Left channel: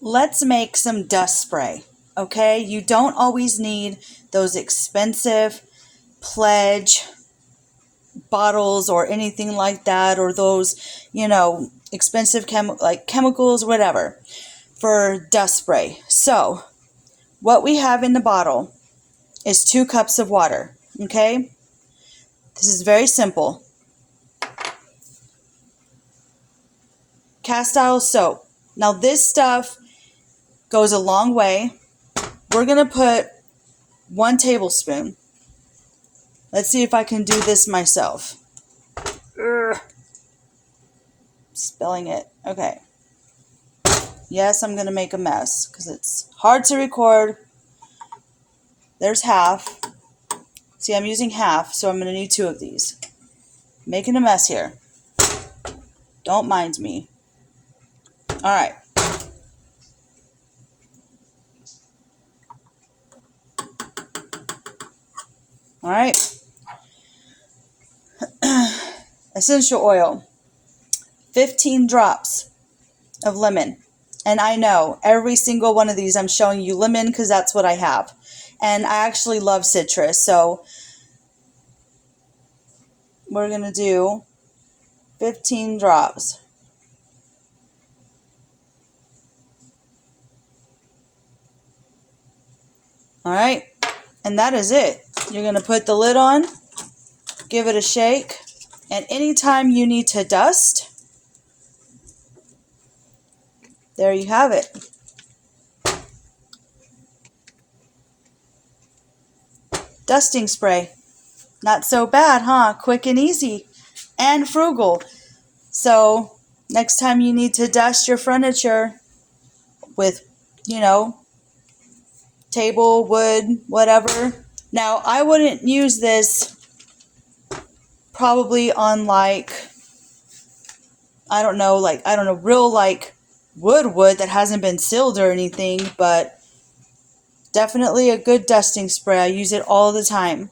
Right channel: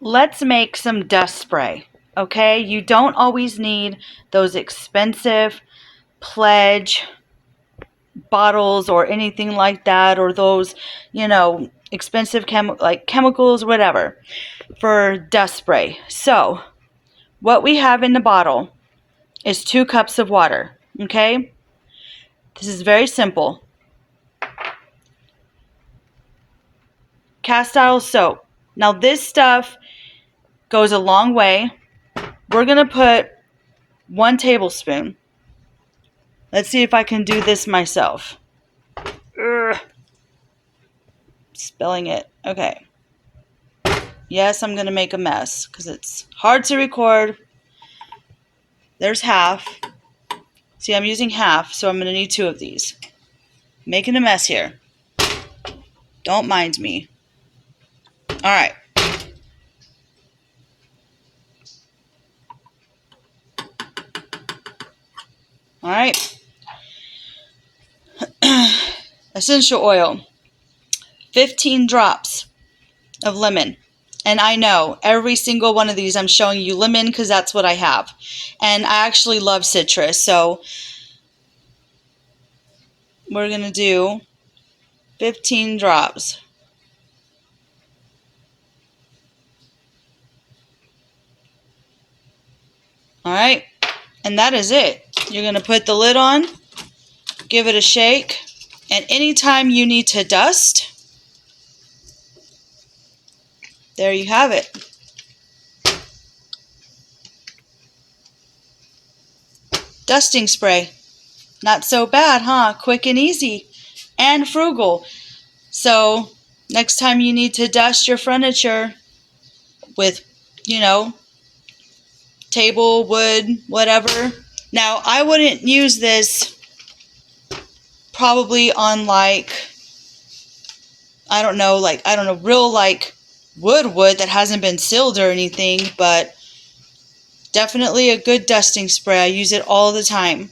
let's make some dust spray, okay? You don't always need those expensive Pledge bottles or anything like that, or those, expensive chemicals, whatever, for dust spray. So, what we have in the bottle is 2 cups of water, okay? This is very simple. Castile soap. Now, this stuff goes a long way. We're going to put 1 tablespoon. Let's see if I can do this myself. Ugh. Spilling it. Okay. Yes, I'm going to make a mess because it's hard to record. There's half. See, I'm using half, so I'm going to need 2 of these. Making a mess here. Don't mind me. All right. All right. Essential oil. 15 drops of lemon. And I know every single one of these I'm showing you lemon because that's what I have. And I actually love citrus, so we're going to do 15 drops. All right. And that is it. You're going to put the lid on, give it a shake, and anytime you need to dust, there you have it. Dusting spray. Not so bad, huh? Quick and easy and frugal. So next time you need to dust your furniture with, table, wood, whatever. Now, I wouldn't use this probably on real wood that hasn't been sealed or anything, but definitely a good dusting spray. I use it all the time.